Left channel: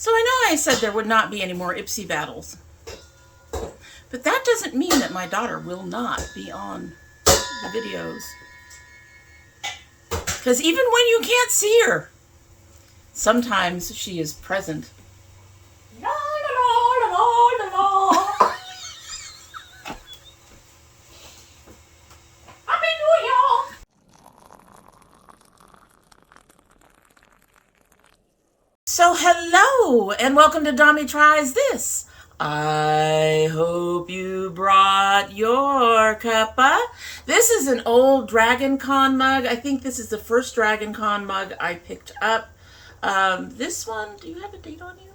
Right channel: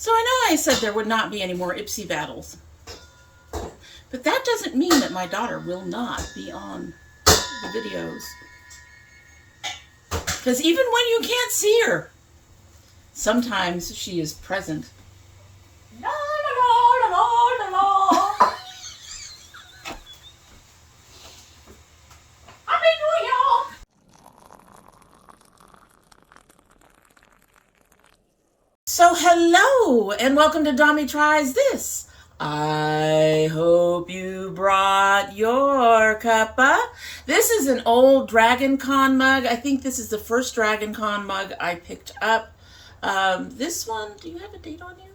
So I know I said there would not be any more Ipsy battles, but that doesn't mean that my daughter will not be on the videos. Because even when you can't see her, sometimes she is present. La, la, la, la, la, la. So hello and welcome to domytriesthis. I hope you brought your cuppa. This is an old Dragon Con mug. I think this is the first Dragon Con mug I picked up. This one, do you have a date on you?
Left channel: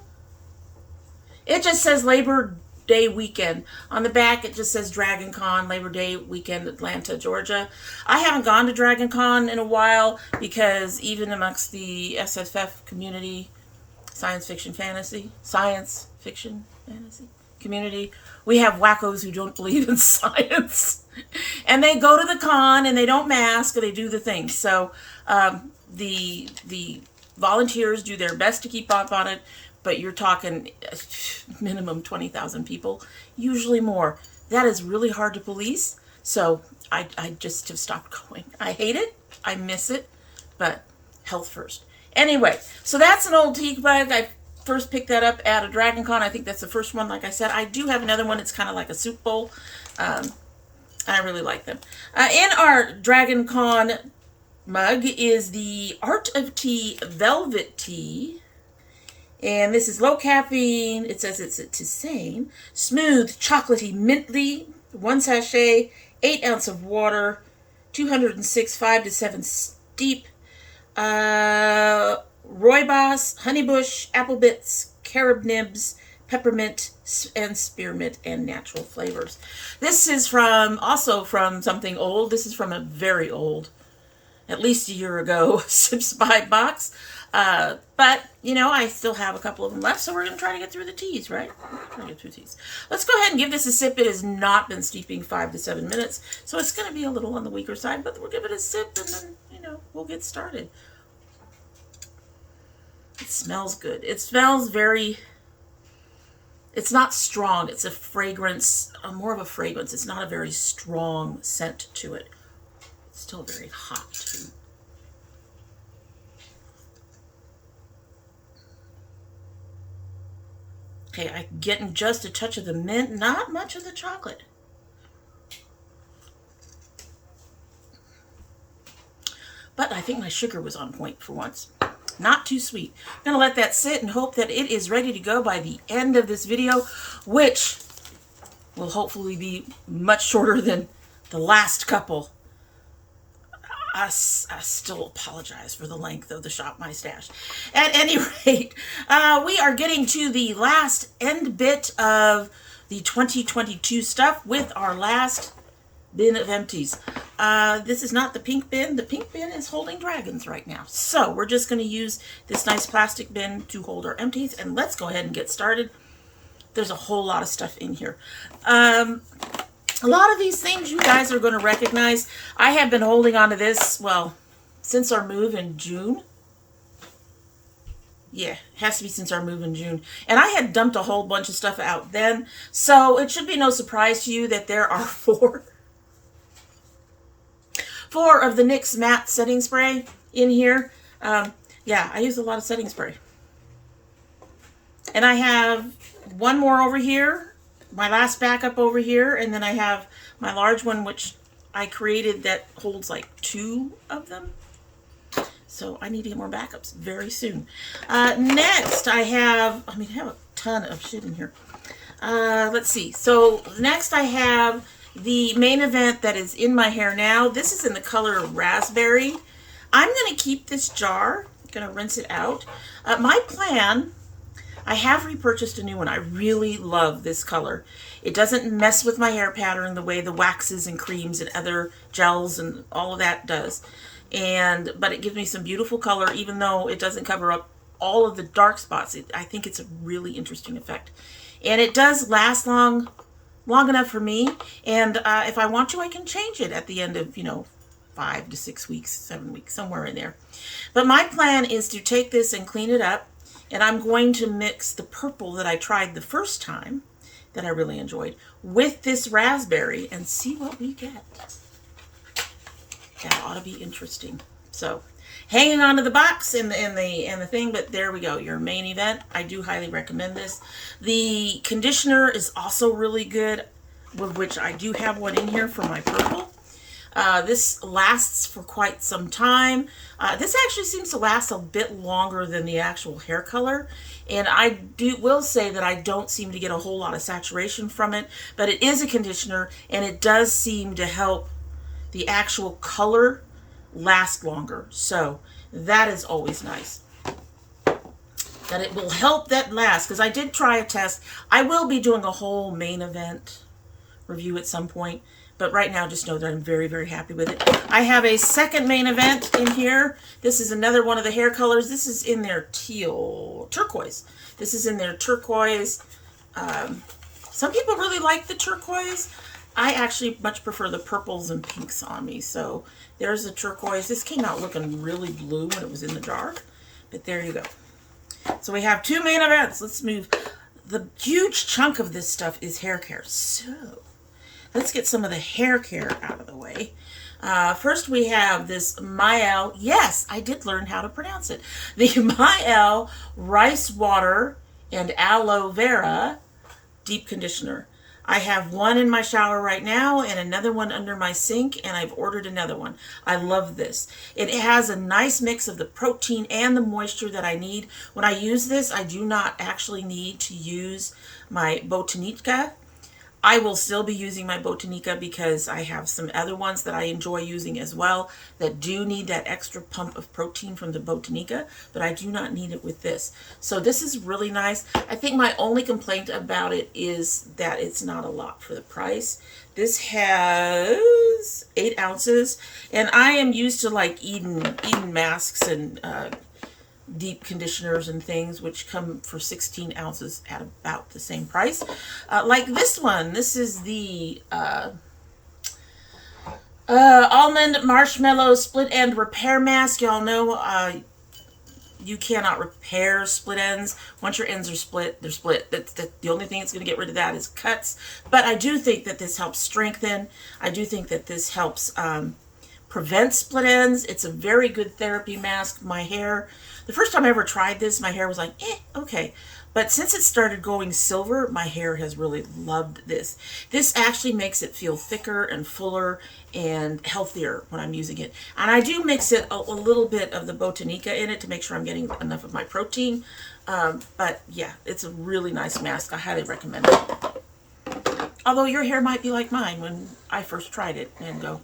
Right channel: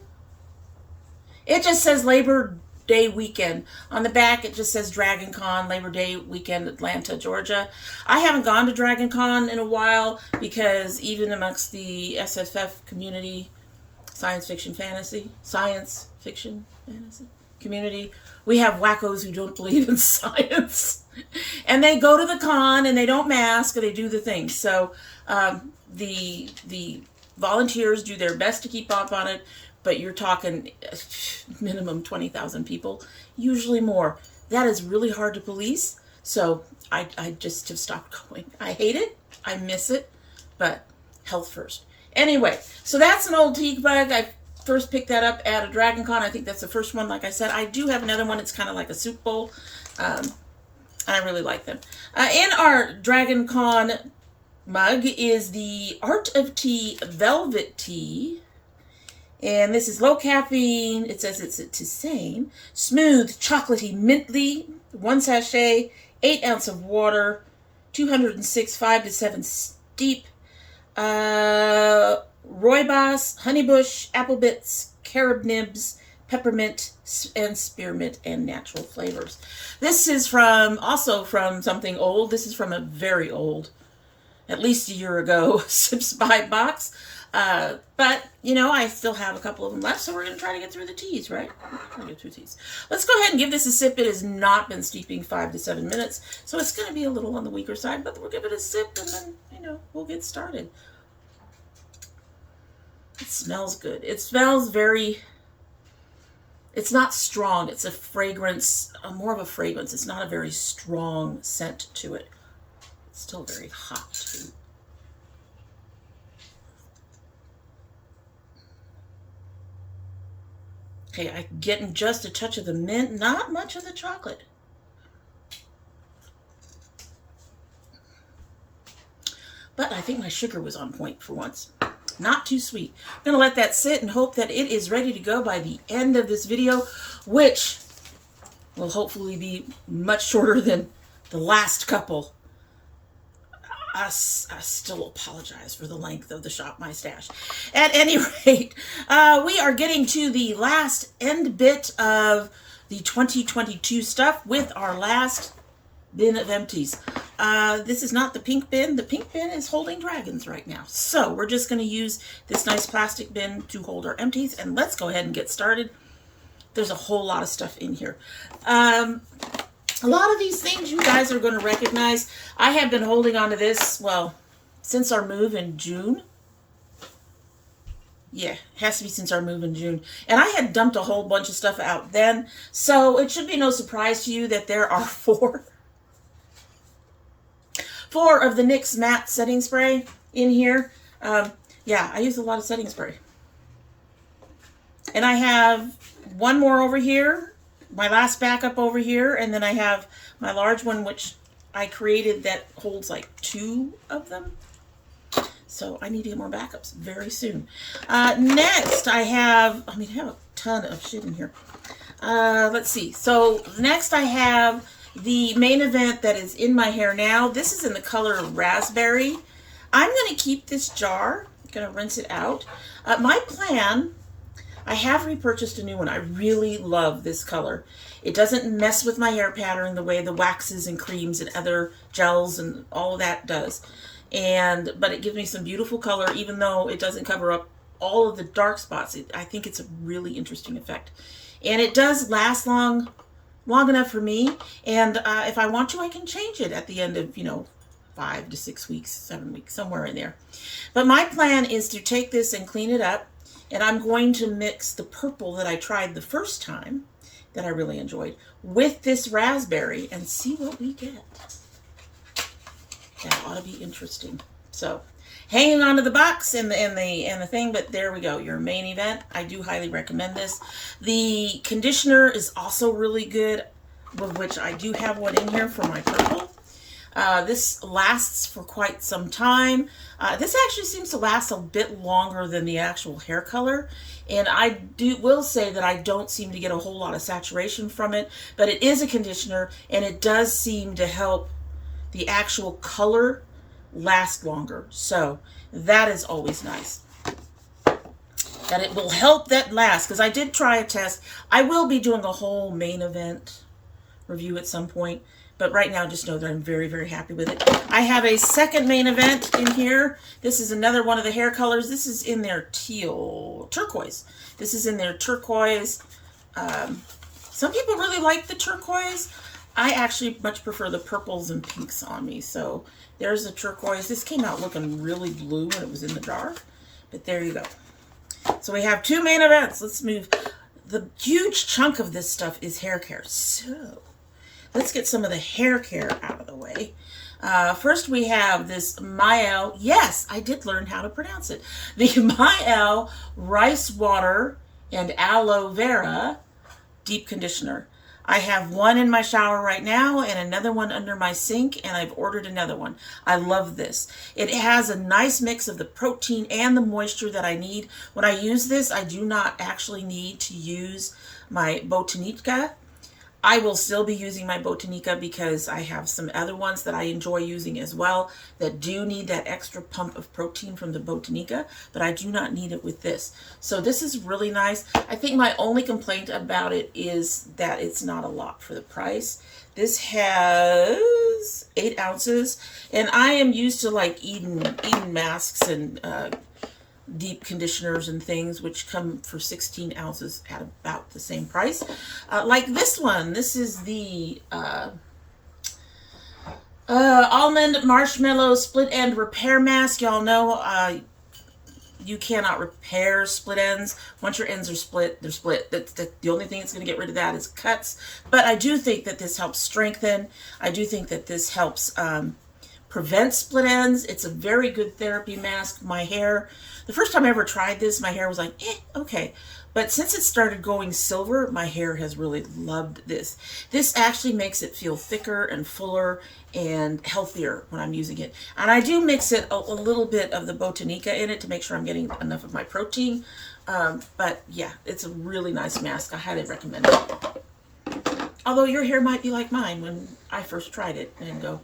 It just says Labor Day weekend. On the back, it just says Dragon Con, Labor Day weekend, Atlanta, Georgia. I haven't gone to Dragon Con in a while because even amongst the SFF community, science fiction fantasy community, we have wackos who don't believe in science. And they go to the con and they don't mask, or they do the things. So the volunteers do their best to keep up on it, but you're talking minimum 20,000 people, usually more. That is really hard to police, so I just have stopped going. I hate it, I miss it, but health first. Anyway, so that's an old teak bug. I first picked that up at a Dragon Con. I think that's the first one, like I said. I do have another one. It's kind of like a soup bowl. I really like them. In our Dragon Con mug is the Art of Tea Velvet Tea. And this is low caffeine. It says it's a tisane. Smooth, chocolatey, minty. 1 sachet, 8 ounces of water, 206, 5 to 7 steep. Rooibos, honeybush, apple bits, carob nibs, peppermint, and spearmint, and natural flavors. This is also from something old. This is from a very old, at least a year ago, Sips by box. But, you know, I still have a couple of them left, so we're going to try to get through the teas, right? Try to get through teas. Let's go ahead and give this a sip. It has not been steeping 5 to 7 minutes, so it's going to be a little on the weaker side, but we'll give it a sip, and then, you know, we'll get started. It smells good. It smells very, it's not strong. It's a fragrance, more of a fragrance. It's not a very strong scent to it. It's still very hot, too. Okay, I'm getting just a touch of the mint, not much of the chocolate. But I think my sugar was on point for once. Not too sweet. I'm going to let that sit and hope that it is ready to go by the end of this video, which will hopefully be much shorter than the last couple. I still apologize for the length of the Shop My Stash. At any rate, we are getting to the last end bit of the 2022 stuff with our last bin of empties. This is not the pink bin. The pink bin is holding dragons right now. So we're just going to use this nice plastic bin to hold our empties, and let's go ahead and get started. There's a whole lot of stuff in here. A lot of these things you guys are going to recognize. I have been holding on to this, well, since our move in June. Yeah, it has to be since our move in June. And I had dumped a whole bunch of stuff out then. So it should be no surprise to you that there are four of the NYX matte setting spray in here. Yeah, I use a lot of setting spray. And I have one more over here. My last backup over here, and then I have my large one, which I created that holds like 2 of them. So I need to get more backups very soon. Next, I have a ton of shit in here. Let's see. So next I have the main event that is in my hair now. This is in the color Raspberry. I'm going to keep this jar. I'm going to rinse it out. My plan... I have repurchased a new one. I really love this color. It doesn't mess with my hair pattern the way the waxes and creams and other gels and all of that does. But it gives me some beautiful color, even though it doesn't cover up all of the dark spots. I think it's a really interesting effect. And it does last long enough for me. And if I want to, I can change it at the end of, 5 to 6 weeks, 7 weeks, somewhere in there. But my plan is to take this and clean it up And I'm going to mix the purple that I tried the first time, that I really enjoyed, with this raspberry and see what we get. That ought to be interesting. So, hanging on to the box and the thing, but there we go. Your main event. I do highly recommend this. The conditioner is also really good, with which I do have one in here for my purple. This lasts for quite some time. This actually seems to last a bit longer than the actual hair color. And I will say that I don't seem to get a whole lot of saturation from it, but it is a conditioner and it does seem to help the actual color last longer. So that is always nice. That it will help that last, because I did try a test. I will be doing a whole main event review at some point. But right now, just know that I'm very, very happy with it. I have a second main event in here. This is another one of the hair colors. This is in their turquoise. This is in their turquoise. Some people really like the turquoise. I actually much prefer the purples and pinks on me. So there's the turquoise. This came out looking really blue when it was in the jar. But there you go. So we have two main events. Let's move. The huge chunk of this stuff is hair care. So let's get some of the hair care out of the way. First, we have this Mielle. Yes, I did learn how to pronounce it. The Mielle Rice Water and Aloe Vera Deep Conditioner. I have one in my shower right now and another one under my sink, and I've ordered another one. I love this. It has a nice mix of the protein and the moisture that I need. When I use this, I do not actually need to use my Botanica. I will still be using my Botanica because I have some other ones that I enjoy using as well that do need that extra pump of protein from the Botanica, but I do not need it with this. So this is really nice. I think my only complaint about it is that it's not a lot for the price. This has 8 ounces, and I am used to like Eden masks and deep conditioners and things, which come for 16 ounces at about the same price. Like this one, this is the Almond Marshmallow Split End Repair Mask. Y'all know you cannot repair split ends. Once your ends are split, they're split. That's the only thing that's going to get rid of that is cuts. But I do think that this helps strengthen. I do think that this helps prevent split ends. It's a very good therapy mask. My hair, the first time I ever tried this, my hair was like, okay. But since it started going silver, my hair has really loved this. This actually makes it feel thicker and fuller and healthier when I'm using it. And I do mix it a little bit of the Botanica in it to make sure I'm getting enough of my protein. But yeah, it's a really nice mask. I highly recommend it. Although your hair might be like mine when I first tried it and go,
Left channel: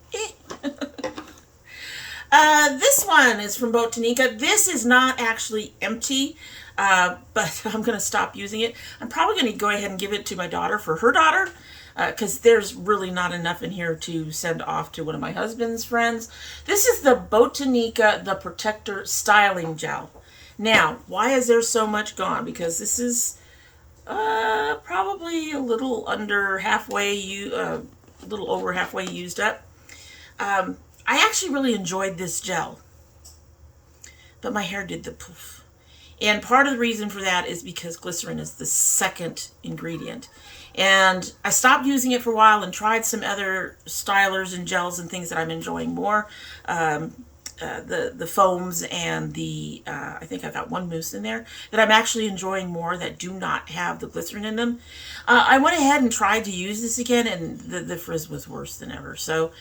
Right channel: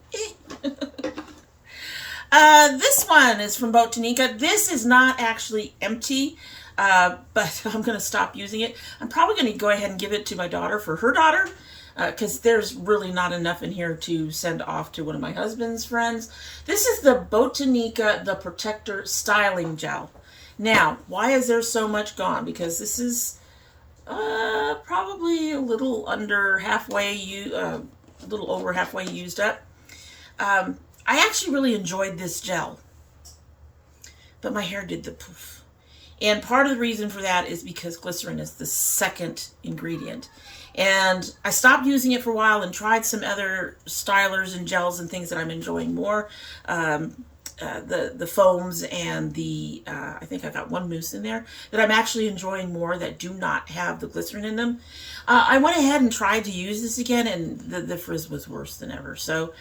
This one is from Botanica. This is not actually empty, but I'm going to stop using it. I'm probably going to go ahead and give it to my daughter for her daughter, because there's really not enough in here to send off to one of my husband's friends. This is the Botanica The Protector Styling Gel. Now, why is there so much gone? Because this is probably a little under halfway, a little over halfway used up. I actually really enjoyed this gel, but my hair did the poof. And part of the reason for that is because glycerin is the second ingredient. And I stopped using it for a while and tried some other stylers and gels and things that I'm enjoying more. The foams and the, I think I've got one mousse in there that I'm actually enjoying more that do not have the glycerin in them. I went ahead and tried to use this again, and the frizz was worse than ever. So,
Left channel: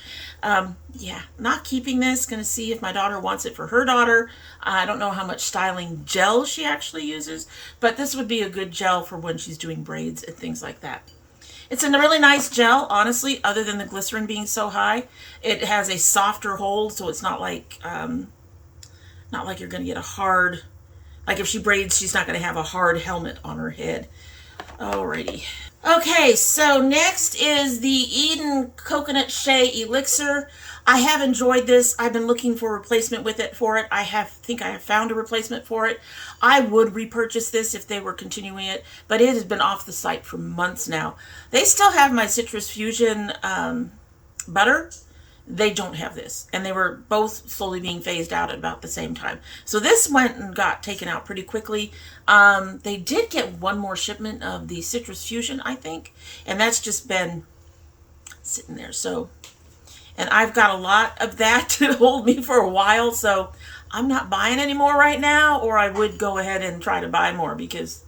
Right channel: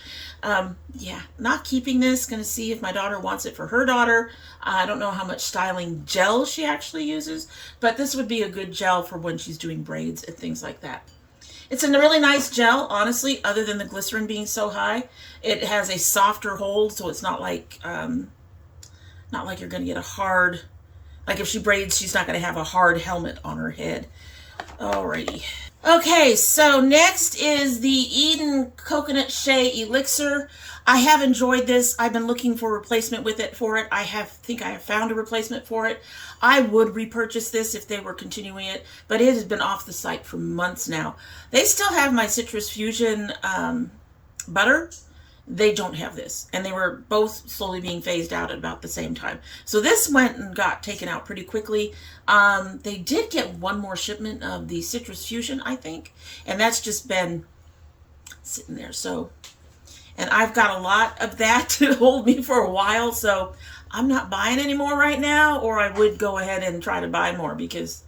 yeah, not keeping this. Going to see if my daughter wants it for her daughter. I don't know how much styling gel she actually uses, but this would be a good gel for when she's doing braids and things like that. It's a really nice gel, honestly, other than the glycerin being so high. It has a softer hold, so it's not like you're going to get a hard, like if she braids, she's not going to have a hard helmet on her head. Alrighty. Okay, so next is the Eden Coconut Shea Elixir. I have enjoyed this. I've been looking for a replacement for it. I think I have found a replacement for it. I would repurchase this if they were continuing it, but it has been off the site for months now. They still have my Citrus Fusion butter They don't have this. And they were both slowly being phased out at about the same time. So this went and got taken out pretty quickly. They did get one more shipment of the Citrus Fusion, I think. And that's just been sitting there. So, and I've got a lot of that to hold me for a while. So I'm not buying any more right now, or I would go ahead and try to buy more because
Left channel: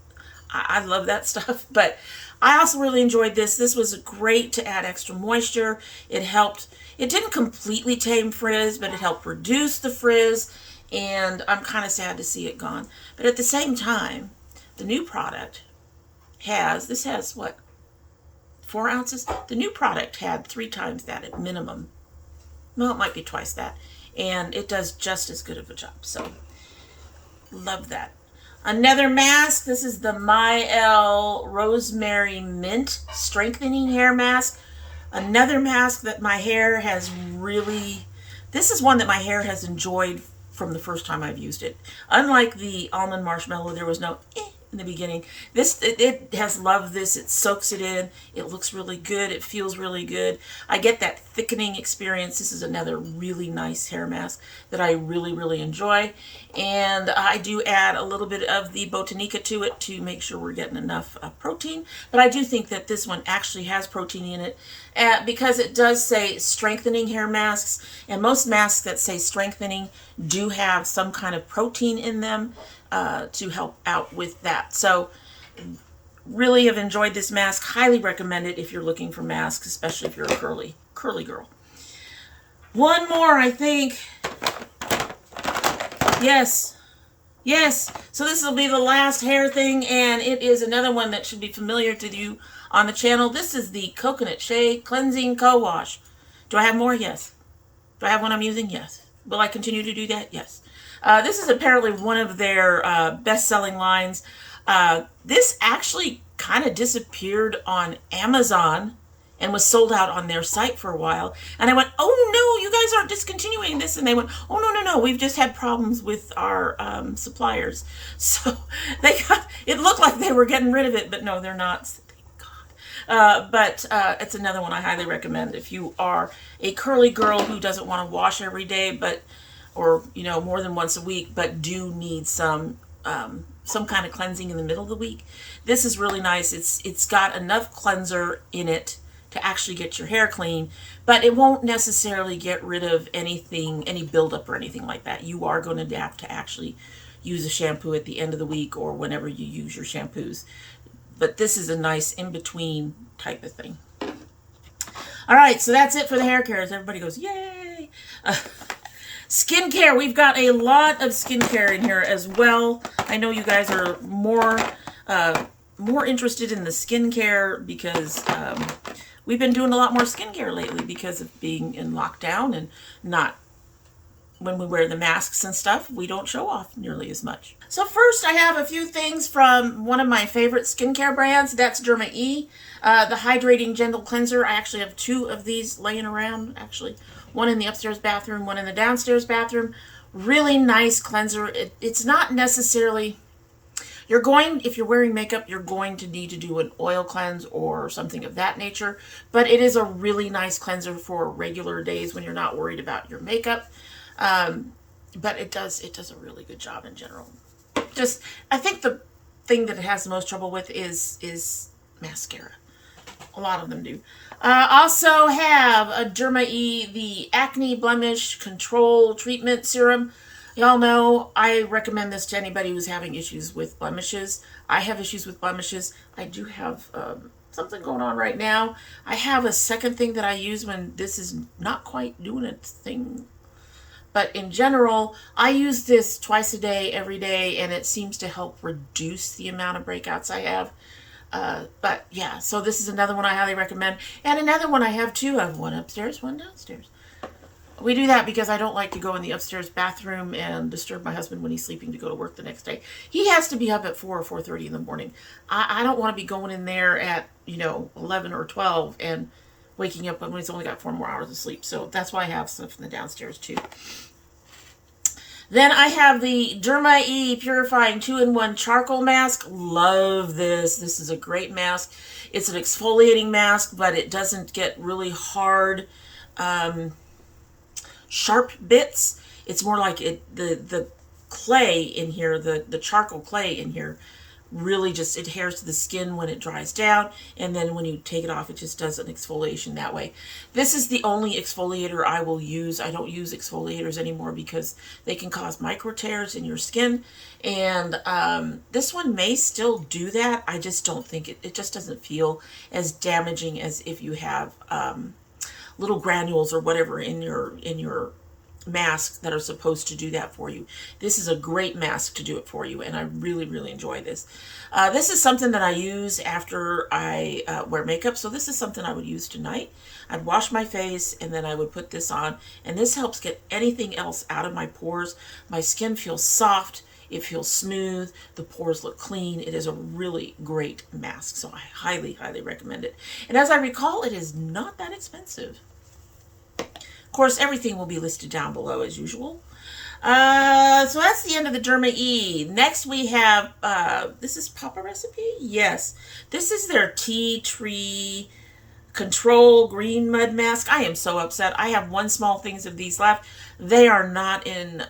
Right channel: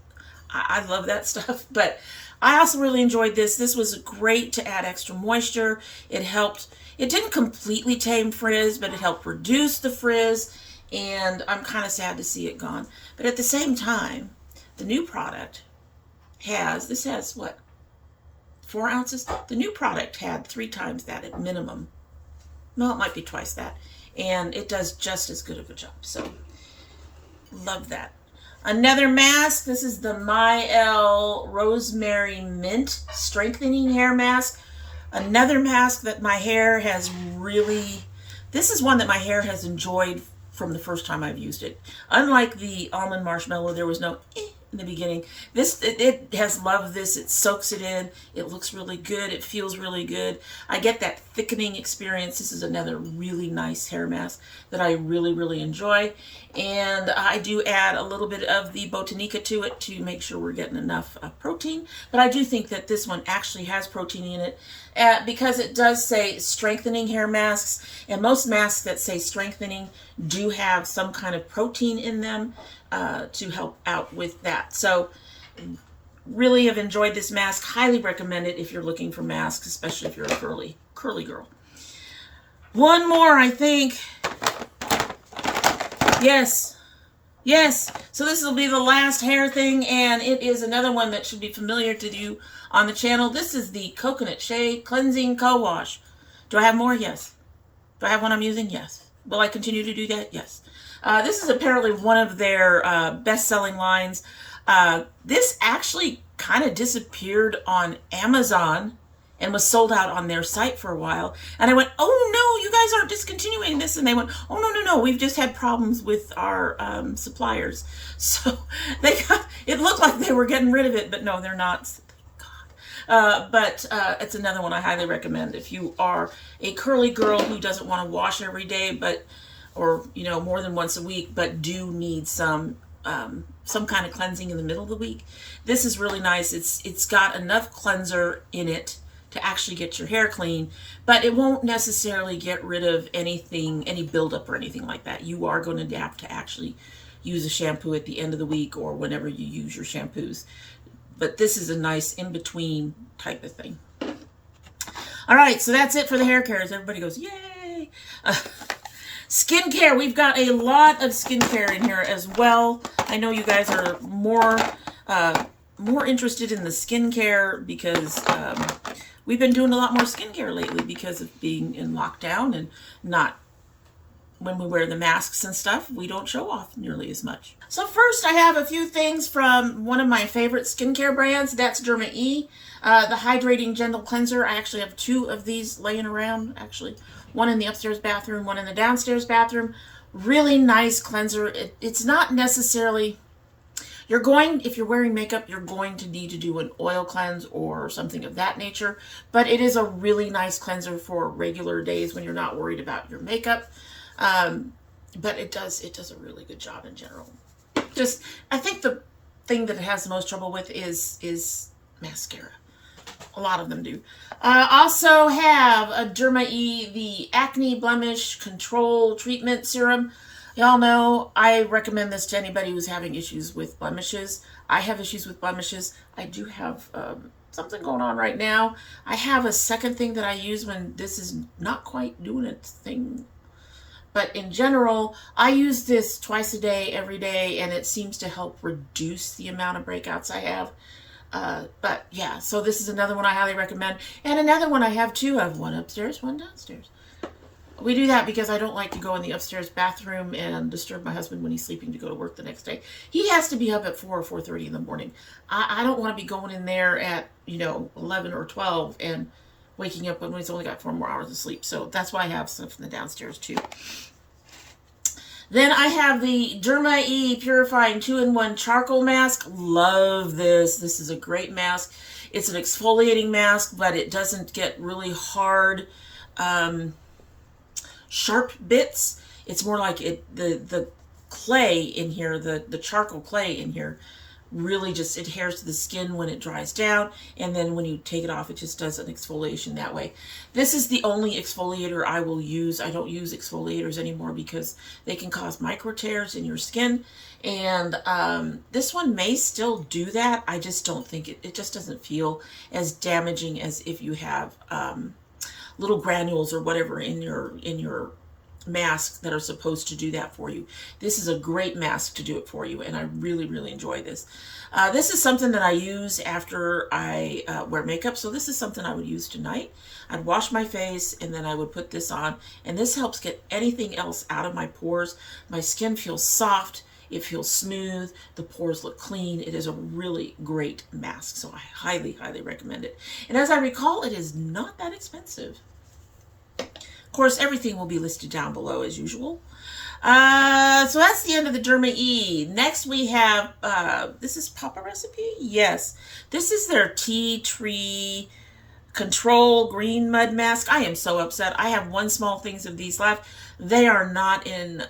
I love that stuff. But I also really enjoyed this. This was great to add extra moisture. It helped. It didn't completely tame frizz, but it helped reduce the frizz. And I'm kind of sad to see it gone. But at the same time, the new product has, this has what, 4 ounces? The new product had 3 times that at minimum. No, it might be twice that. And it does just as good of a job. So, love that. Another mask. This is the e.l.f. Rosemary Mint Strengthening Hair Mask. Another mask that my hair has really... This is one that my hair has enjoyed from the first time I've used it. Unlike the Almond Marshmallow, there was no in the beginning. This, it has loved this. It soaks it in. It looks really good. It feels really good. I get that thickening experience. This is another really nice hair mask that I really, really enjoy. And I do add a little bit of the Botanica to it to make sure we're getting enough protein. But I do think that this one actually has protein in it because it does say strengthening hair masks. And most masks that say strengthening do have some kind of protein in them to help out with that. So really have enjoyed this mask. Highly recommend it if you're looking for masks, especially if you're a curly girl. One more, I think. Yes. So this will be the last hair thing, and it is another one that should be familiar to you on the channel. This is the Coconut Shea Cleansing Co-Wash. Do I have more? Yes. Do I have one I'm using? Yes. Will I continue to do that? Yes. This is apparently one of their best-selling lines. This actually kind of disappeared on Amazon and was sold out on their site for a while. And I went, oh no, you guys aren't discontinuing this. And they went, oh no, we've just had problems with our suppliers. So it looked like they were getting rid of it, but no, they're not. Thank God. But it's another one I highly recommend if you are a curly girl who doesn't want to wash every day, or more than once a week, but do need some kind of cleansing in the middle of the week. This is really nice. It's got enough cleanser in it to actually get your hair clean, but it won't necessarily get rid of anything, any buildup or anything like that. You are going to have to actually use a shampoo at the end of the week or whenever you use your shampoos. But this is a nice in-between type of thing. All right, so that's it for the hair cares. Everybody goes, yay! Skincare. We've got a lot of skincare in here as well. I know you guys are more interested in the skincare because we've been doing a lot more skincare lately because of being in lockdown and not, when we wear the masks and stuff, we don't show off nearly as much. So first I have a few things from one of my favorite skincare brands. That's Derma E, the Hydrating Gentle Cleanser. I actually have 2 of these laying around, actually. One in the upstairs bathroom, one in the downstairs bathroom. Really nice cleanser. It's not necessarily... if you're wearing makeup, you're going to need to do an oil cleanse or something of that nature. But it is a really nice cleanser for regular days when you're not worried about your makeup. But it does a really good job in general. I think the thing that it has the most trouble with is mascara. A lot of them do. Also have a Derma E, the Acne Blemish Control Treatment Serum. Y'all know I recommend this to anybody who's having issues with blemishes. I have issues with blemishes. I do have something going on right now. I have a second thing that I use when this is not quite doing its thing. But in general, I use this twice a day, every day, and it seems to help reduce the amount of breakouts I have. But yeah, so this is another one I highly recommend. And another one I have too. I have one upstairs, one downstairs. We do that because I don't like to go in the upstairs bathroom and disturb my husband when he's sleeping to go to work the next day. He has to be up at 4 or 4:30 in the morning. I don't want to be going in there at, 11 or 12 and waking up when he's only got 4 more hours of sleep. So that's why I have stuff in the downstairs too. Then I have the Derma E Purifying 2-in-1 Charcoal Mask. Love this. This is a great mask. It's an exfoliating mask, but it doesn't get really hard. sharp bits. It's more like the clay in here, the charcoal clay in here really just adheres to the skin when it dries down, and then when you take it off, it just does an exfoliation that way. This is the only exfoliator I will use. I don't use exfoliators anymore because they can cause micro tears in your skin, and this one may still do that. I just don't think it just doesn't feel as damaging as if you have little granules or whatever in your masks that are supposed to do that for you. This is a great mask to do it for you, and I really, really enjoy this. This is something that I use after I wear makeup, so this is something I would use tonight. I'd wash my face, and then I would put this on, and this helps get anything else out of my pores. My skin feels soft. It feels smooth. The pores look clean. It is a really great mask, so I highly, highly recommend it. And as I recall, it is not that expensive. Of course, everything will be listed down below as usual. So that's the end of the Derma E. Next we have, this is Papa Recipe? Yes. This is their Tea Tree Control Green Mud Mask. I am so upset. I have one small things of these left. They are not in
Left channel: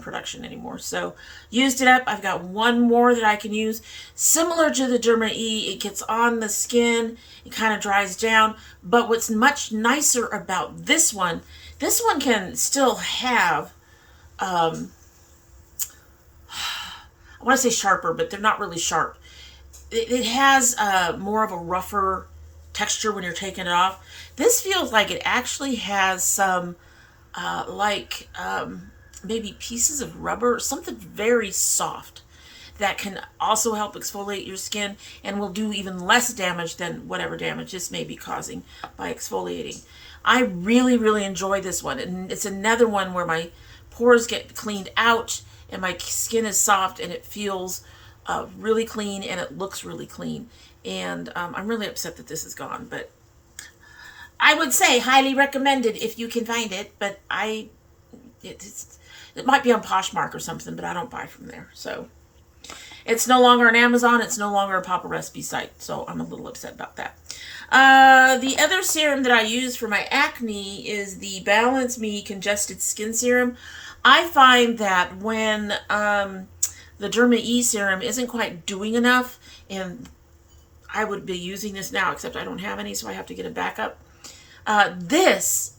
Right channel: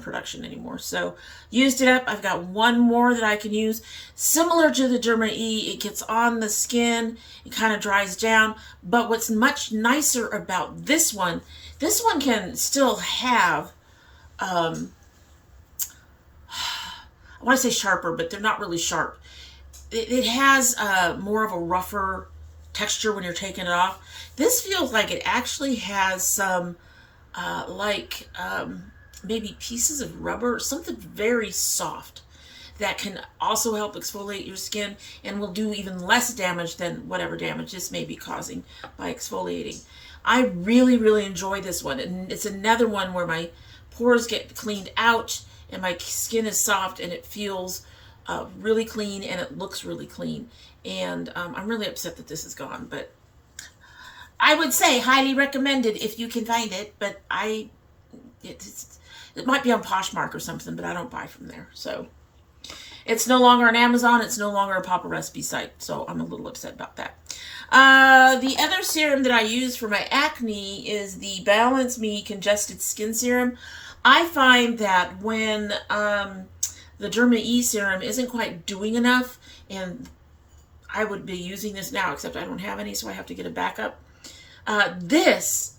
production anymore. So used it up. I've got one more that I can use. Similar to the Derma E, it gets on the skin. It kind of dries down. But what's much nicer about this one can still have, I want to say sharper, but they're not really sharp. It has more of a rougher texture when you're taking it off. This feels like it actually has some maybe pieces of rubber, something very soft that can also help exfoliate your skin and will do even less damage than whatever damage this may be causing by exfoliating. I really, really enjoy this one, and it's another one where my pores get cleaned out and my skin is soft and it feels really clean and it looks really clean. And I'm really upset that this is gone, but I would say highly recommended if you can find it, but it might be on Poshmark or something, but I don't buy from there. So it's no longer on Amazon. It's no longer a Papa Recipe site. So I'm a little upset about that. The other serum that I use for my acne is the Balance Me Congested Skin Serum. I find that when the Derma E serum isn't quite doing enough, and I would be using this now, except I don't have any, so I have to get a backup. This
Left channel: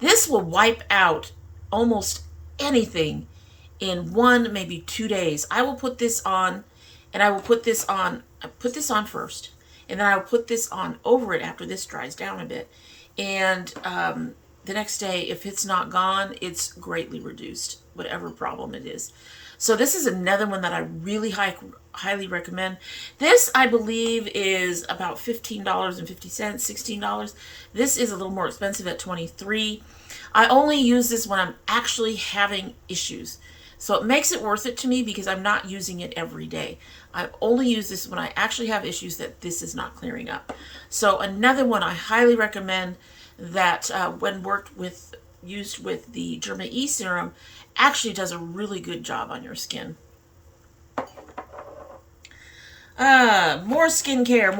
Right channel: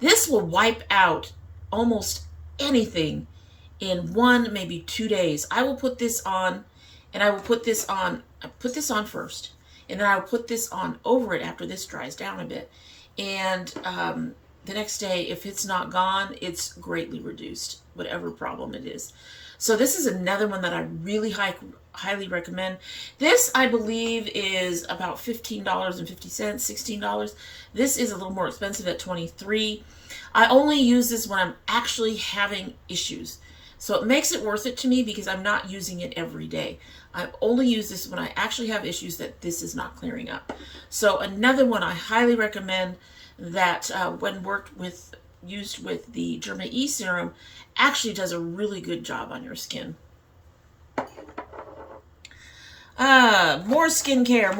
will wipe out almost anything in 1, maybe 2 days. I will put this on, and I will put this on first, and then I will put this on over it after this dries down a bit. And the next day, if it's not gone, it's greatly reduced, whatever problem it is. So this is another one that I really highly recommend. This, I believe, is about $15.50, $16. This is a little more expensive at $23. I only use this when I'm actually having issues. So it makes it worth it to me because I'm not using it every day. I only use this when I actually have issues that this is not clearing up. So another one I highly recommend that when used with the Derma E serum actually does a really good job on your skin. More skincare.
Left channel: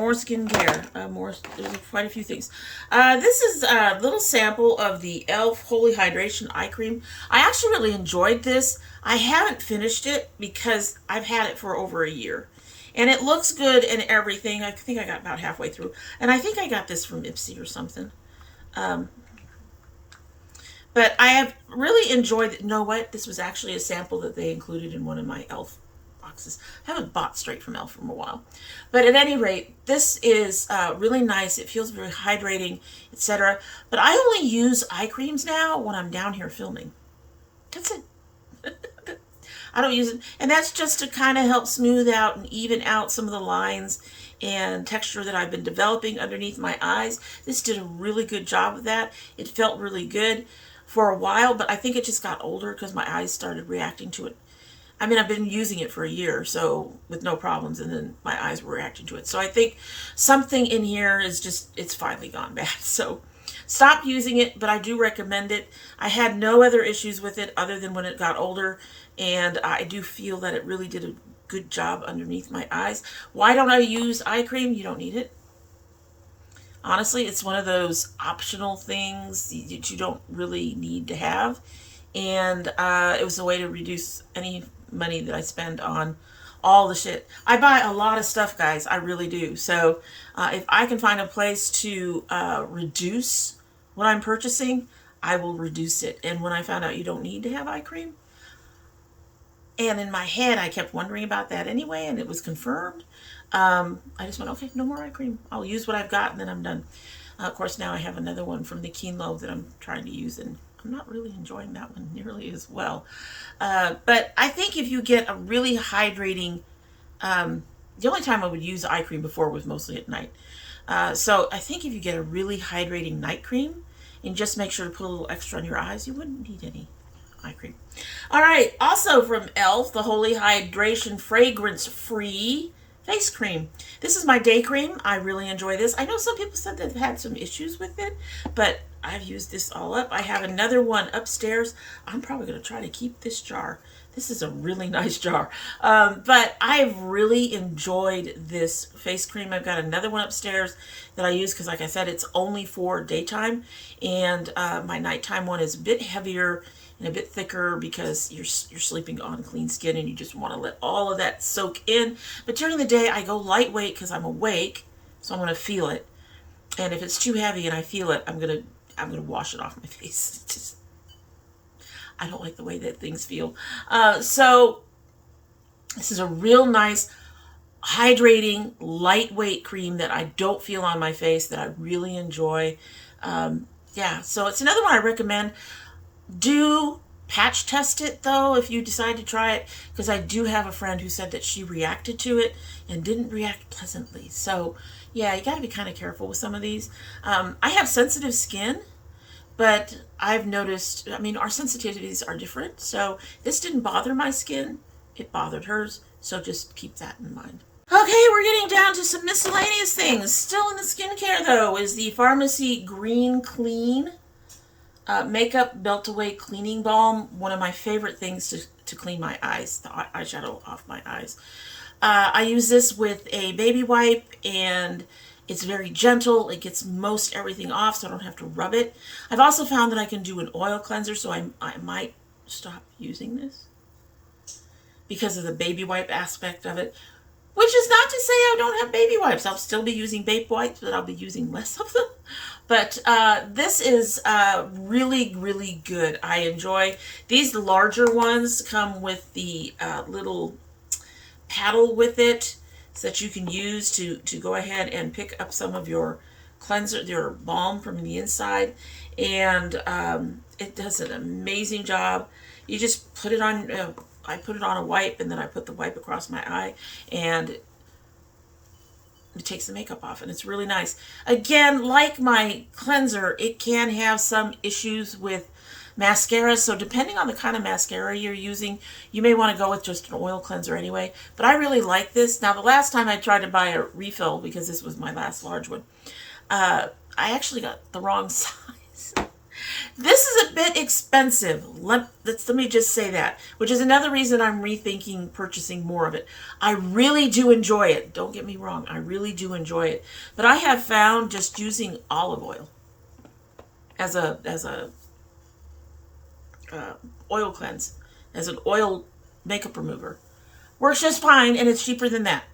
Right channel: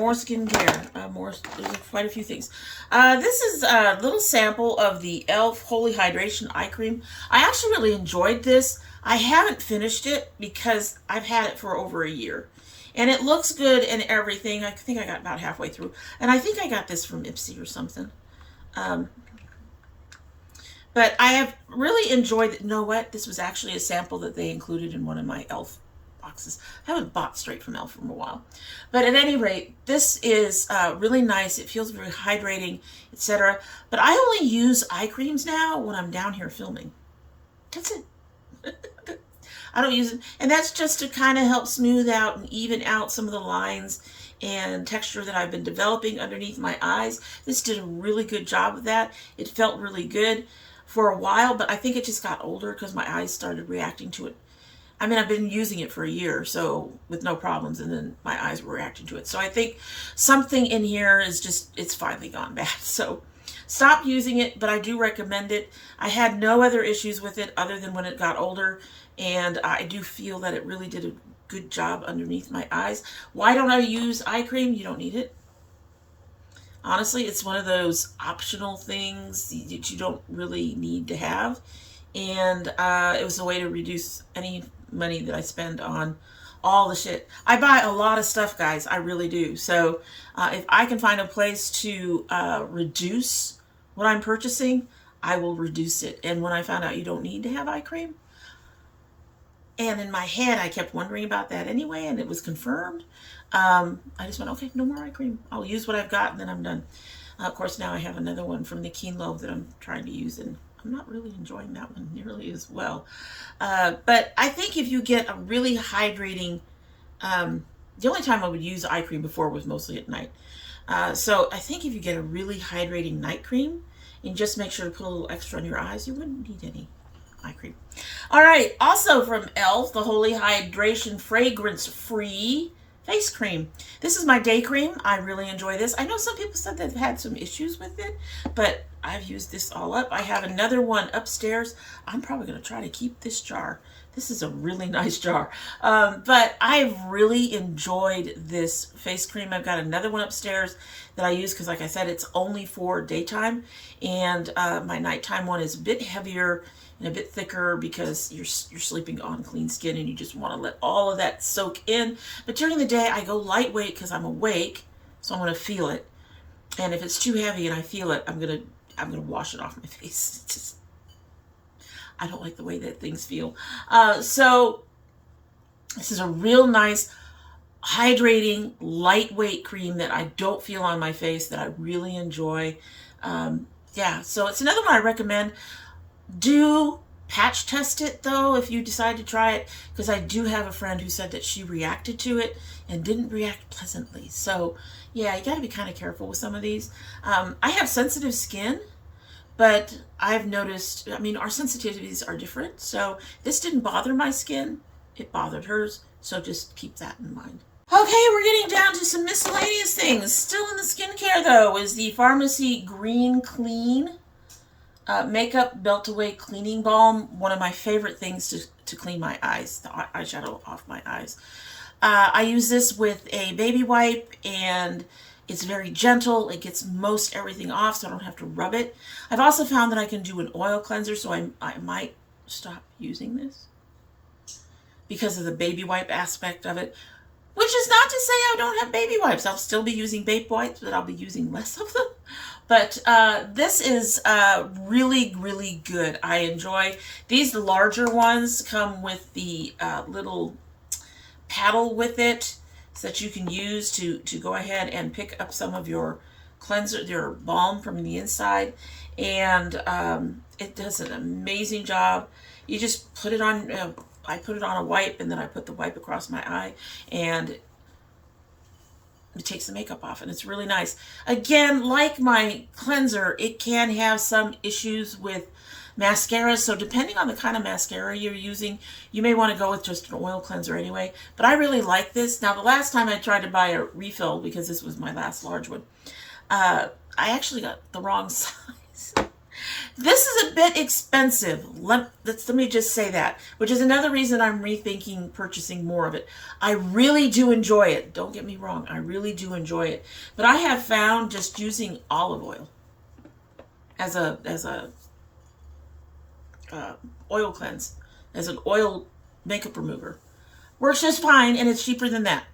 There's quite a few things. This is a little sample of the e.l.f. Holy Hydration Eye Cream. I actually really enjoyed this. I haven't finished it because I've had it for over a year. And it looks good and everything. I think I got about halfway through. And I think I got this from Ipsy or something. But I have really enjoyed it. You know what? This was actually a sample that they included in one of my e.l.f. boxes. I haven't bought straight from e.l.f. for a while. But at any rate, this is really nice. It feels very hydrating, etc. But I only use eye creams now when I'm down here filming. That's it. I don't use it. And that's just to kind of help smooth out and even out some of the lines and texture that I've been developing underneath my eyes. This did a really good job of that. It felt really good for a while, but I think it just got older because my eyes started reacting to it. I mean, I've been using it for a year, so with no problems, and then my eyes were reacting to it. So I think something in here is just, it's finally gone bad. So stop using it, but I do recommend it. I had no other issues with it other than when it got older, and I do feel that it really did a good job underneath my eyes. Why don't I use eye cream? You don't need it. Honestly, it's one of those optional things that you don't really need to have. And it was a way to reduce any money that I spend on all the shit. I buy a lot of stuff, guys. I really do. So if I can find a place to reduce what I'm purchasing, I will reduce it. And when I found out you don't need to have eye cream, and in my head, I kept wondering about that anyway, and it was confirmed. I just went, okay, no more eye cream. I'll use what I've got, and then I'm done. Of course, now I have another one from the Keen that I'm trying to use, and I'm not really enjoying that one nearly as well. But I think if you get a really hydrating, the only time I would use eye cream before was mostly at night. So I think if you get a really hydrating night cream, and just make sure to put a little extra on your eyes, you wouldn't need any eye cream. All right, also from e.l.f., the Holy Hydration Fragrance Free Face Cream. This is my day cream. I really enjoy this. I know some people said they've had some issues with it, but I've used this all up. I have another one upstairs. I'm probably going to try to keep this jar. This is a really nice jar. But I've really enjoyed this face cream. I've got another one upstairs that I use because, like I said, it's only for daytime. And my nighttime one is a bit heavier and a bit thicker because you're sleeping on clean skin and you just want to let all of that soak in. But during the day, I go lightweight because I'm awake, so I'm going to feel it. And if it's too heavy and I feel it, I'm gonna wash it off my face. It's just, I don't like the way that things feel. So this is a real nice, hydrating, lightweight cream that I don't feel on my face, that I really enjoy. Yeah, so it's another one I recommend. Do patch test it though if you decide to try it, because I do have a friend who said that she reacted to it and didn't react pleasantly. So yeah, you got to be kind of careful with some of these. I have sensitive skin, but I've noticed, I mean, our sensitivities are different. So this didn't bother my skin, it bothered hers. So just keep that in mind. Okay, we're getting down to some miscellaneous things. Still in the skincare though is the Pharmacy Green Clean Makeup Melt Away Cleaning Balm. One of my favorite things to clean my eyes, the eyeshadow off my eyes. I use this with a baby wipe, and it's very gentle. It gets most everything off, so I don't have to rub it. I've also found that I can do an oil cleanser, so I might stop using this because of the baby wipe aspect of it. Which is not to say I don't have baby wipes. I'll still be using baby wipes, but I'll be using less of them. But this is really, really good. I enjoy these. larger ones come with the little paddle with it so that you can use to go ahead and pick up some of your cleanser, your balm from the inside. And it does an amazing job. You just put it on, I put it on a wipe, and then I put the wipe across my eye, and it takes the makeup off, and it's really nice. Again, like my cleanser, it can have some issues with mascara, so depending on the kind of mascara you're using, you may want to go with just an oil cleanser anyway. But I really like this. Now, the last time I tried to buy a refill, because this was my last large one, I actually got the wrong size. This is a bit expensive. Let me just say that, which is another reason I'm rethinking purchasing more of it. I really do enjoy it. Don't get me wrong. I really do enjoy it. But I have found just using olive oil as a oil cleanse, as an oil makeup remover, works just fine, and it's cheaper than that.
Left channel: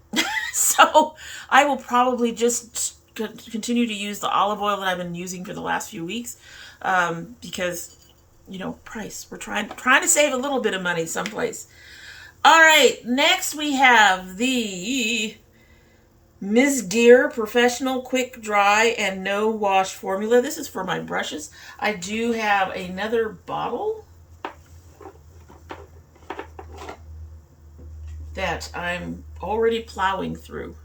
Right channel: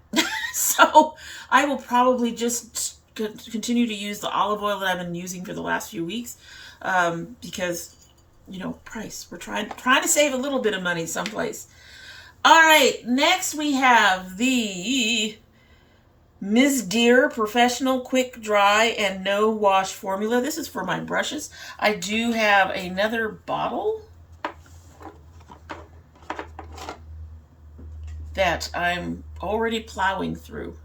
So I will probably just continue to use the olive oil that I've been using for the last few weeks. Because, you know, price. We're trying to save a little bit of money someplace. All right, next we have the Ms. Deer Professional Quick Dry and No Wash Formula. This is for my brushes. I do have another bottle that I'm already plowing through.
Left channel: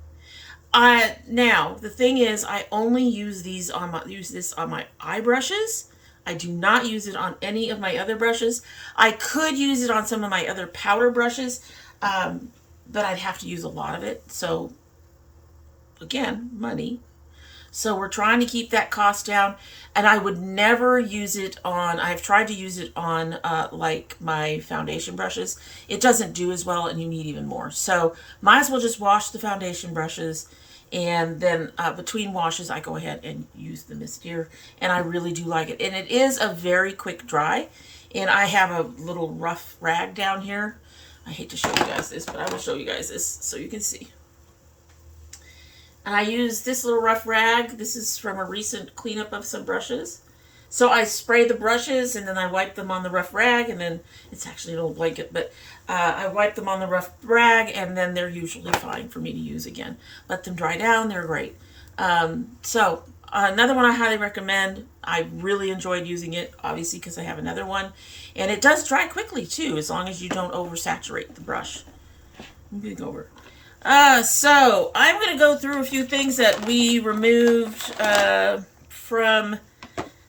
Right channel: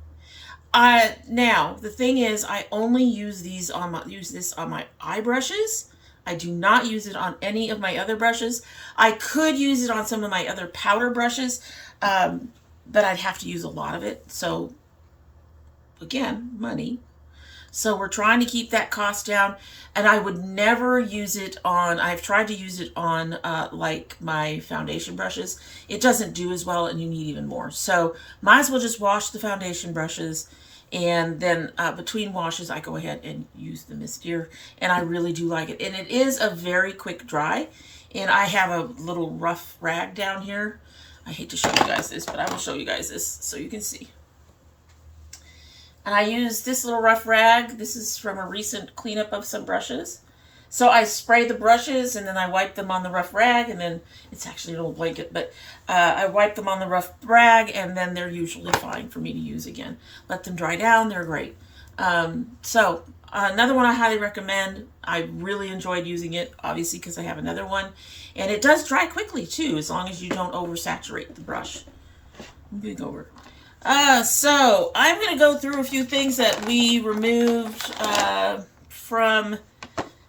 Now the thing is, I only use this on my eye brushes. I do not use it on any of my other brushes. I could use it on some of my other powder brushes, but I'd have to use a lot of it. So again, money. So we're trying to keep that cost down, and I would never use it on, I've tried to use it on like my foundation brushes. It doesn't do as well, and you need even more. So might as well just wash the foundation brushes And then between washes, I go ahead and use the Mistier, and I really do like it. And it is a very quick dry. And I have a little rough rag down here. I hate to show you guys this, but I will show you guys this so you can see. And I use this little rough rag. This is from a recent cleanup of some brushes. So I spray the brushes and then I wipe them on the rough rag, and then it's actually an old blanket, but I wipe them on the rough rag, and then they're usually fine for me to use again. Let them dry down, they're great. So another one I highly recommend. I really enjoyed using it, obviously, because I have another one. And it does dry quickly too, as long as you don't oversaturate the brush. Moving over. So I'm going to go through a few things that we removed from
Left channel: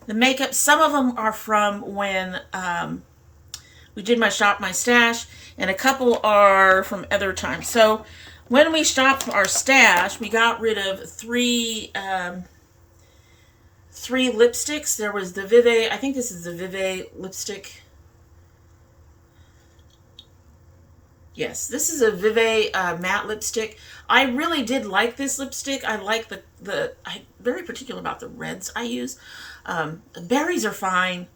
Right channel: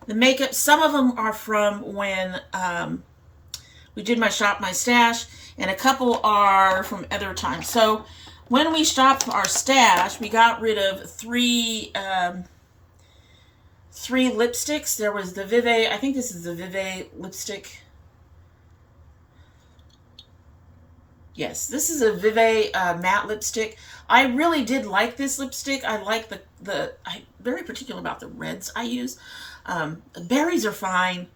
the makeup. Some of them are from when we did my Shop My Stash, and a couple are from other times. So when we shopped our stash, we got rid of three lipsticks. There was the Vive, I think this is the Vive lipstick. Yes, this is a Vive matte lipstick. I really did like this lipstick. I like I'm very particular about the reds I use. The berries are fine.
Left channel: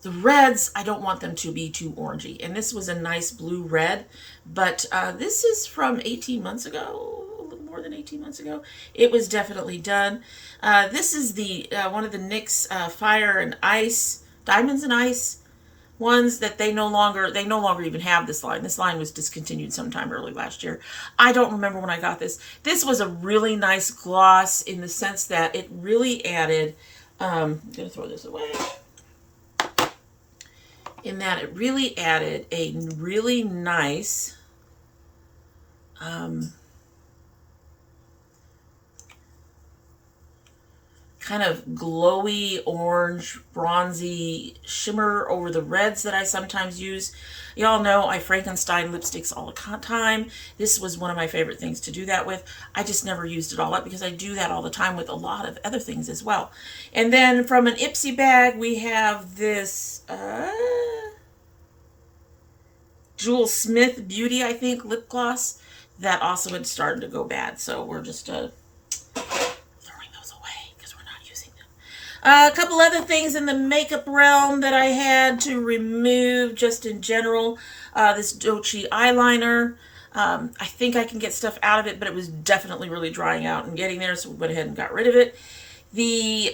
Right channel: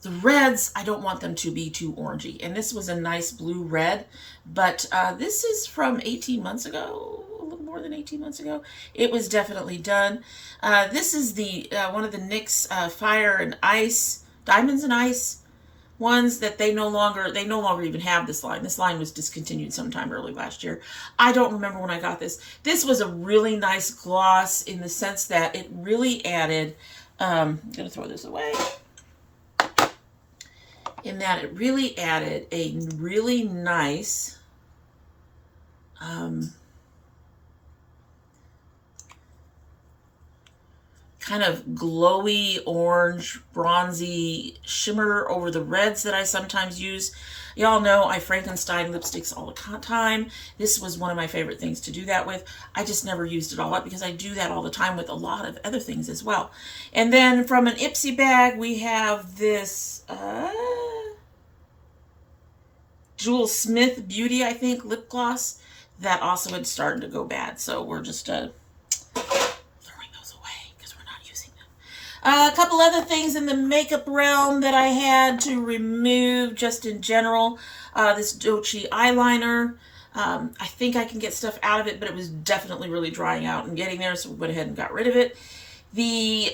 The reds, I don't want them to be too orangey. And this was a nice blue red, but this is from 18 months ago, a little more than 18 months ago. It was definitely done. This is the one of the NYX Fire and Ice, Diamonds and Ice ones that they no longer even have this line. This line was discontinued sometime early last year. I don't remember when I got this. This was a really nice gloss in the sense that it really added, I'm going to throw this away, in that it really added a really nice kind of glowy orange bronzy shimmer over the reds that I sometimes use. Y'all know I Frankenstein lipsticks all the time. This was one of my favorite things to do that with. I just never used it all up because I do that all the time with a lot of other things as well. And then from an Ipsy bag, we have this Jules Smith Beauty, I think, lip gloss that also had started to go bad. So we're just a couple other things in the makeup realm that I had to remove just in general. This Dochi eyeliner. I think I can get stuff out of it, but it was definitely really drying out and getting there, so we went ahead and got rid of it. The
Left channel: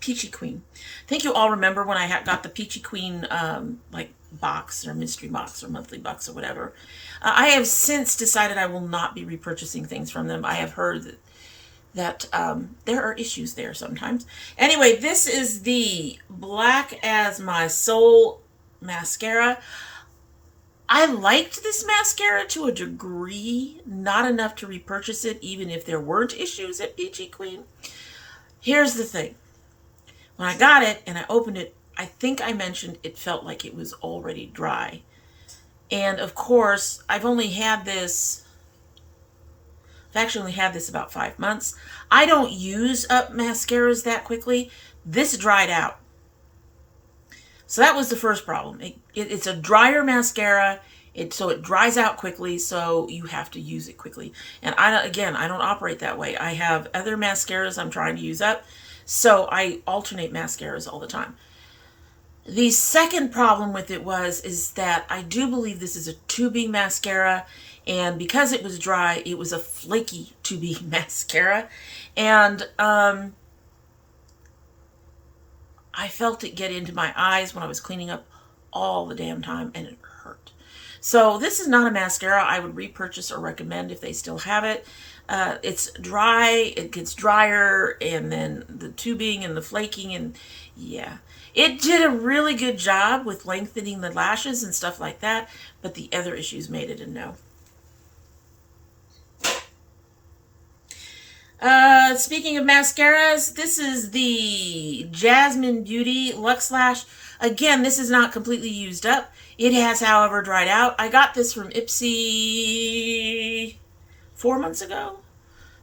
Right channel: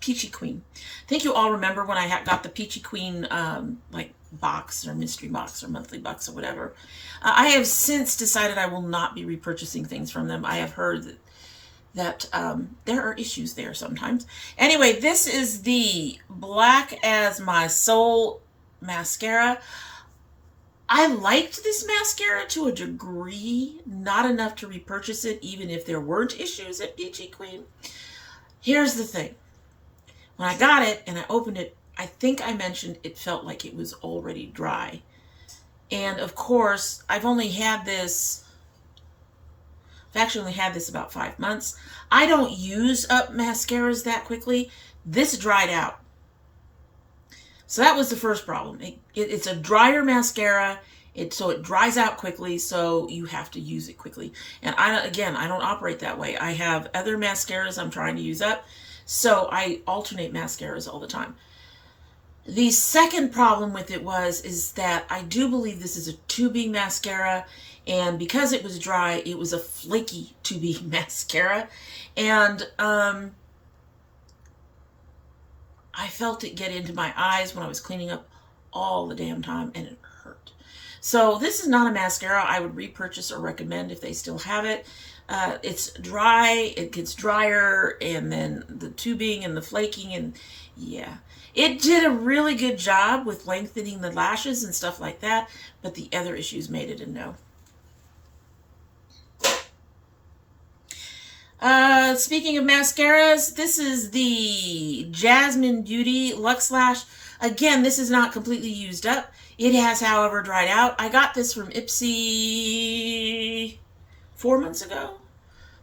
Peachy Queen. I think you all remember when I got the Peachy Queen like box or mystery box or monthly box or whatever. I have since decided I will not be repurchasing things from them. I have heard that there are issues there sometimes. Anyway, this is the Black as My Soul mascara. I liked this mascara to a degree, not enough to repurchase it even if there weren't issues at Peachy Queen. Here's the thing. When I got it and I opened it, I think I mentioned it felt like it was already dry. And of course, I've actually only had this about 5 months. I don't use up mascaras that quickly. This dried out. So that was the first problem. It's a drier mascara, so it dries out quickly, so you have to use it quickly. And I don't operate that way. I have other mascaras I'm trying to use up, so I alternate mascaras all the time. The second problem with it is that I do believe this is a tubing mascara, and because it was dry, it was a flaky tubing mascara, and I felt it get into my eyes when I was cleaning up all the damn time, and it hurt. So this is not a mascara I would repurchase or recommend if they still have it. It's dry, it gets drier, and then the tubing and the flaking, and yeah. It did a really good job with lengthening the lashes and stuff like that, but the other issues made it a no. Speaking of mascaras, this is the Jasmine Beauty Luxe Lash. Again, this is not completely used up. It has, however, dried out. I got this from Ipsy 4 months ago.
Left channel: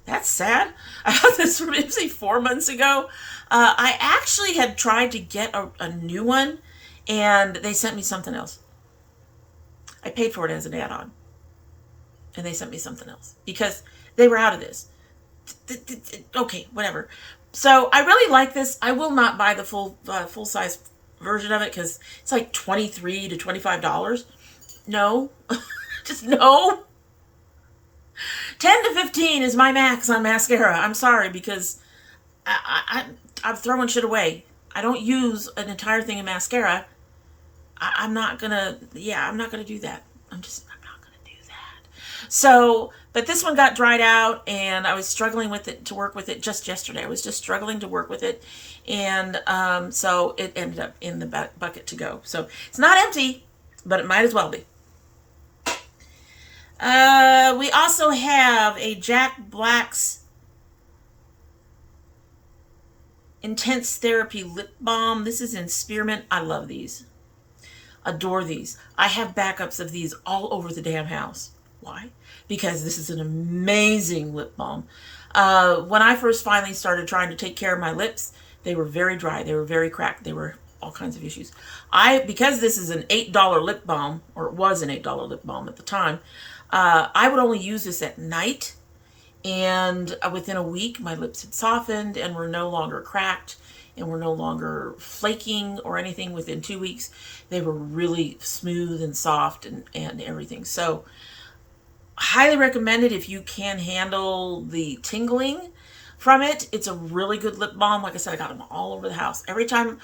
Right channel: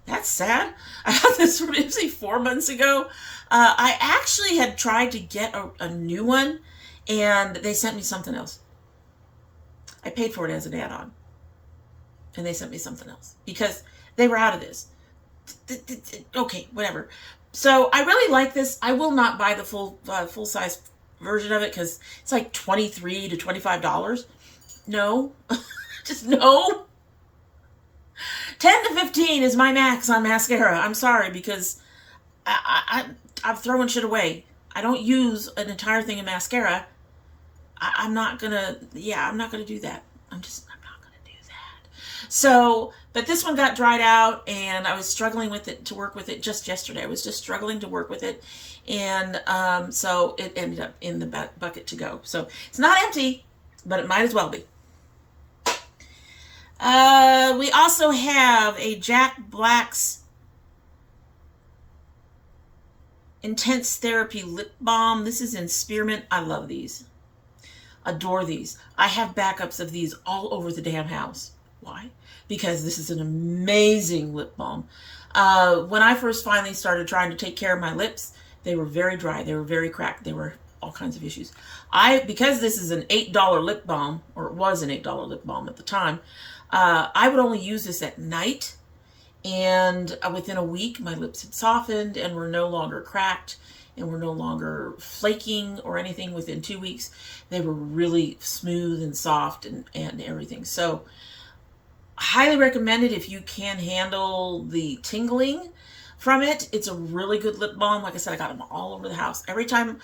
That's sad. I got this from Ipsy 4 months ago. I actually had tried to get a new one, and they sent me something else. I paid for it as an add-on. And they sent me something else because they were out of this. Okay, whatever. So I really like this. I will not buy the full size version of it because it's like $23 to $25. No, just no. 10 to 15 is my max on mascara. I'm sorry, because I'm throwing shit away. I don't use an entire thing of mascara. I'm not gonna do that. I'm not gonna do that. So, but this one got dried out, and I was struggling with it to work with it just yesterday. I was just struggling to work with it, and so it ended up in the bucket to go. So it's not empty, but it might as well be. We also have a Jack Black's Intense Therapy Lip Balm. This is in Spearmint. I love these. Adore these. I have backups of these all over the damn house. Why? Because this is an amazing lip balm. When I first finally started trying to take care of my lips, they were very dry. They were very cracked. They were all kinds of issues. Because this is an $8 lip balm, or it was an $8 lip balm at the time, I would only use this at night, and within a week my lips had softened and were no longer cracked and were no longer flaking or anything. Within 2 weeks they were really smooth and soft and everything. So highly recommend it if you can handle the tingling from it. It's a really good lip balm. Like I said, I got them all over the house. Every time,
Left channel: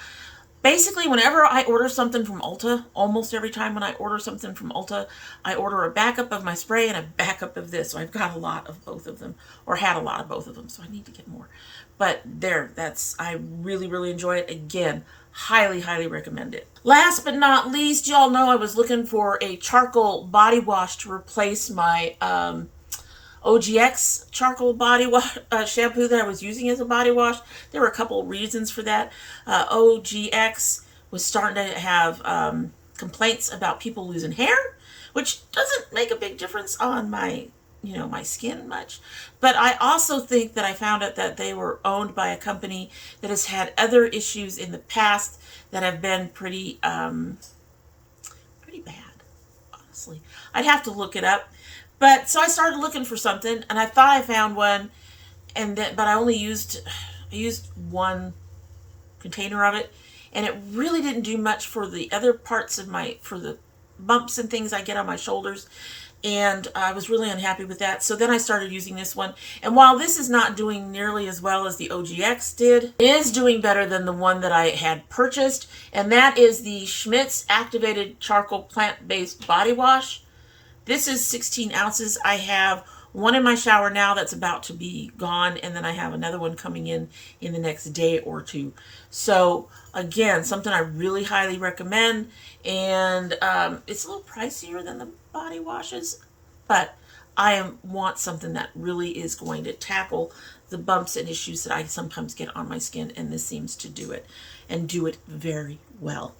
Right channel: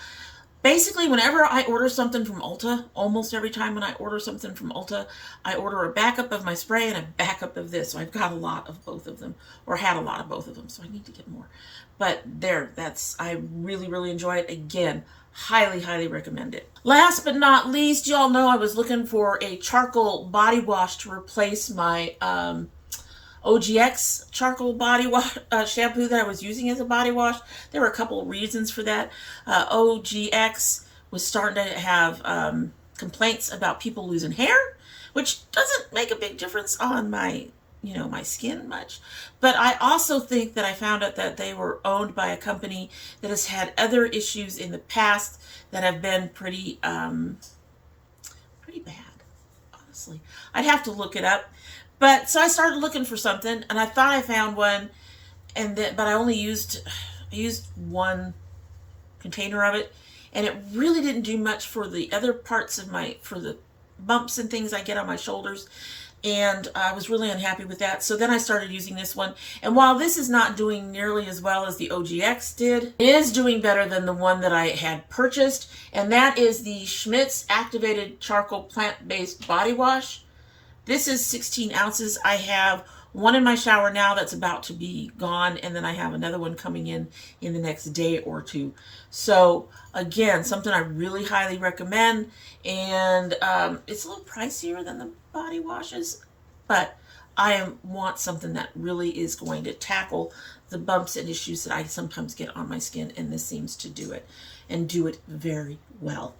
basically whenever I order something from Ulta, almost every time when I order something from Ulta, I order a backup of my spray and a backup of this. So I've got a lot of both of them, or had a lot of both of them. So I need to get more. But there, I really, really enjoy it. Again, highly, highly recommend it. Last but not least, y'all know I was looking for a charcoal body wash to replace my OGX charcoal body wash shampoo that I was using as a body wash. There were a couple of reasons for that. OGX was starting to have complaints about people losing hair, which doesn't make a big difference on my my skin much. But I also think that I found out that they were owned by a company that has had other issues in the past that have been pretty bad, honestly. I'd have to look it up. But so I started looking for something, and I thought I found one, but I only used one container of it, and it really didn't do much for the other parts of for the bumps and things I get on my shoulders. And I was really unhappy with that. So then I started using this one. And while this is not doing nearly as well as the OGX did, it is doing better than the one that I had purchased. And that is the Schmidt's Activated Charcoal Plant-Based Body Wash. This is 16 ounces. I have one in my shower now that's about to be gone. And then I have another one coming in the next day or two. So again, something I really highly recommend. And it's a little pricier than the body washes, but I want something that really is going to tackle the bumps and issues that I sometimes get on my skin, and this seems to do it, and do it very well.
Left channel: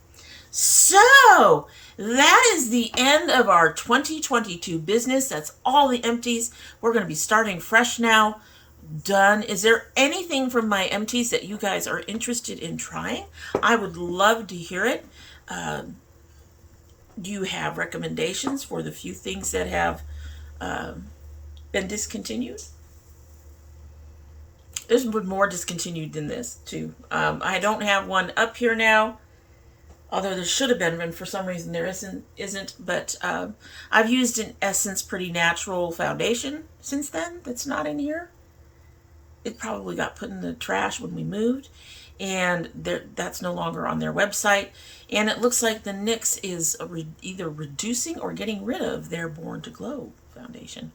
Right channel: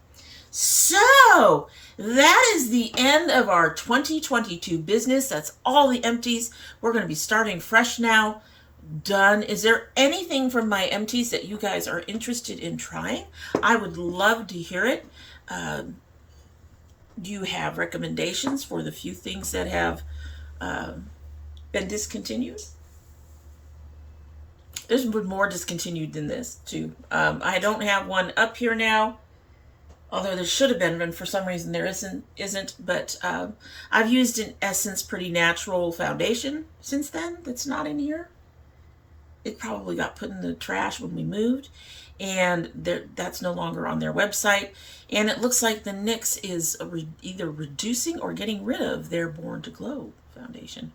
So that is the end of our 2022 business. That's all the empties. We're going to be starting fresh now. Done. Is there anything from my empties that you guys are interested in trying? I would love to hear it. Do you have recommendations for the few things that have been discontinued? There's more discontinued than this too. I don't have one up here now, although there should have been, and for some reason there isn't. But I've used an Essence Pretty Natural foundation since then. That's not in here. It probably got put in the trash when we moved, and that's no longer on their website. And it looks like the NYX is either reducing or getting rid of their Born to Glow foundation.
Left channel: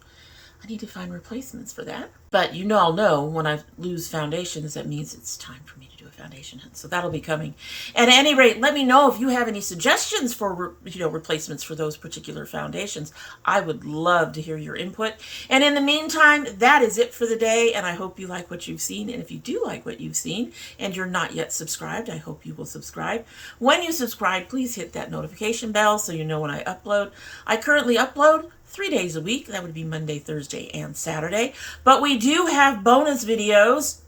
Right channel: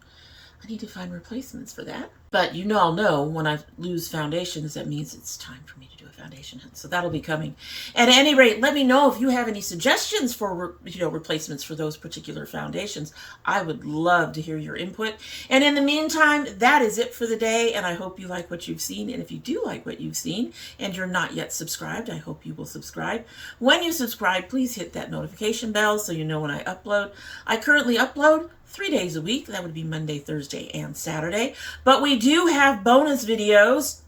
I need to find replacements for that. But I'll know when I lose foundations, that means it's time for me to do a foundation hunt. So that'll be coming. At any rate, let me know if you have any suggestions for replacements for those particular foundations. I would love to hear your input. And in the meantime, that is it for the day. And I hope you like what you've seen. And if you do like what you've seen and you're not yet subscribed, I hope you will subscribe. When you subscribe, please hit that notification bell so you know when I upload. I currently upload 3 days a week. That would be Monday, Thursday, and Saturday. But we do have bonus videos,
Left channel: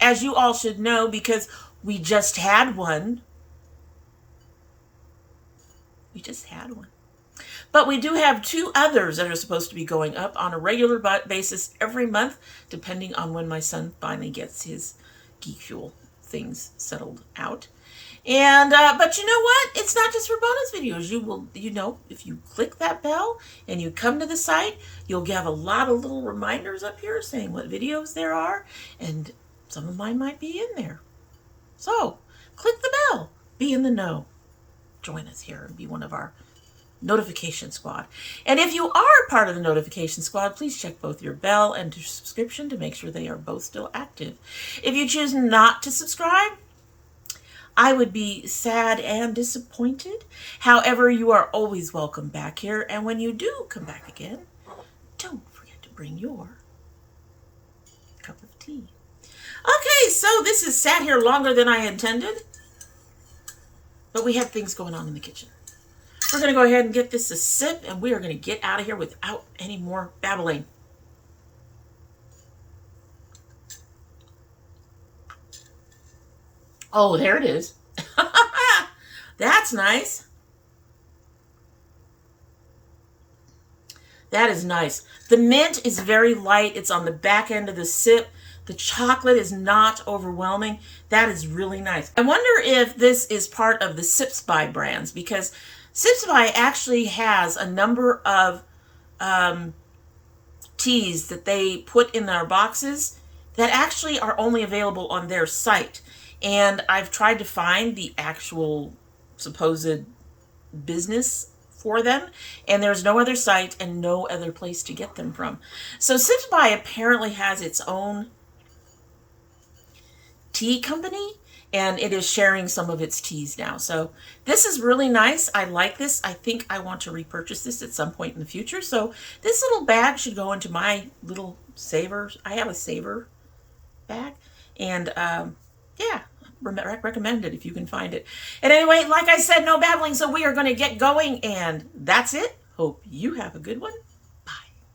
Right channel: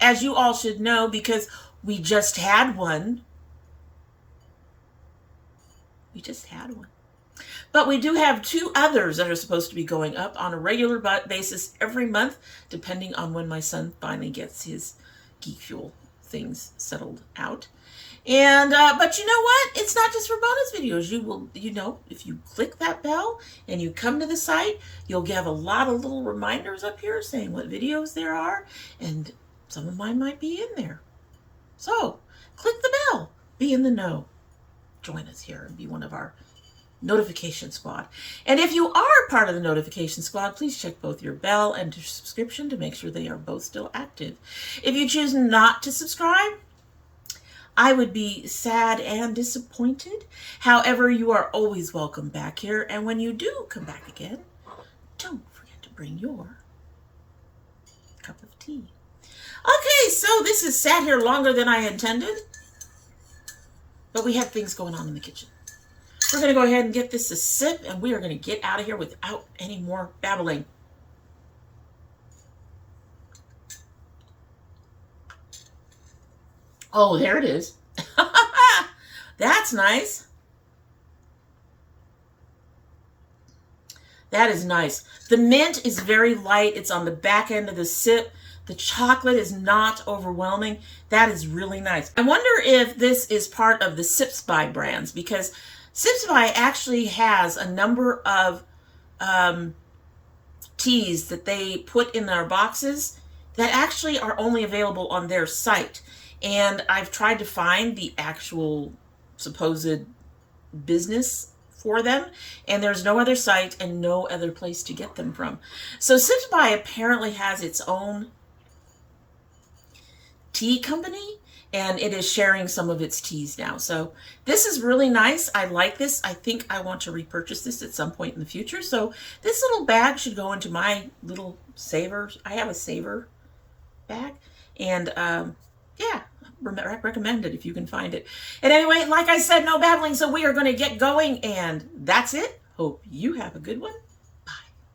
as you all should know, because we just had one. But we do have 2 others that are supposed to be going up on a regular basis every month, depending on when my son finally gets his Geek Fuel things settled out. And but you know what? It's not just for bonus videos. You know, if you click that bell and you come to the site, you'll get a lot of little reminders up here saying what videos there are, and some of mine might be in there. So click the bell, be in the know, join us here and be one of our notification squad. And if you are part of the notification squad, please check both your bell and your subscription to make sure they are both still active. If you choose not to subscribe, I would be sad and disappointed. However, you are always welcome back here. And when you do come back again, don't forget to bring your cup of tea. Okay, so this has sat here longer than I intended, but we had things going on in the kitchen. We're going to go ahead and get this a sip, and we are going to get out of here without any more babbling. Oh, there it is. That's nice. That is nice. The mint is very light. It's on the back end of the sip. The chocolate is not overwhelming. That is really nice. I wonder if this is part of the Sips By brands, because Sips By actually has a number of teas that they put in their boxes that actually are only available on their site. And I've tried to find the actual supposed business for them, and there's no other site and no other place to get them from. So Sips By apparently has its own tea company, and it is sharing some of its teas now. So this is really nice. I like this. I think I want to repurchase this at some point in the future. So this little bag should go into my little saver. I have a saver bag, and yeah, recommend it if you can find it. And anyway, like I said, no babbling, so we are going to get going, and that's it. Hope you have a good one.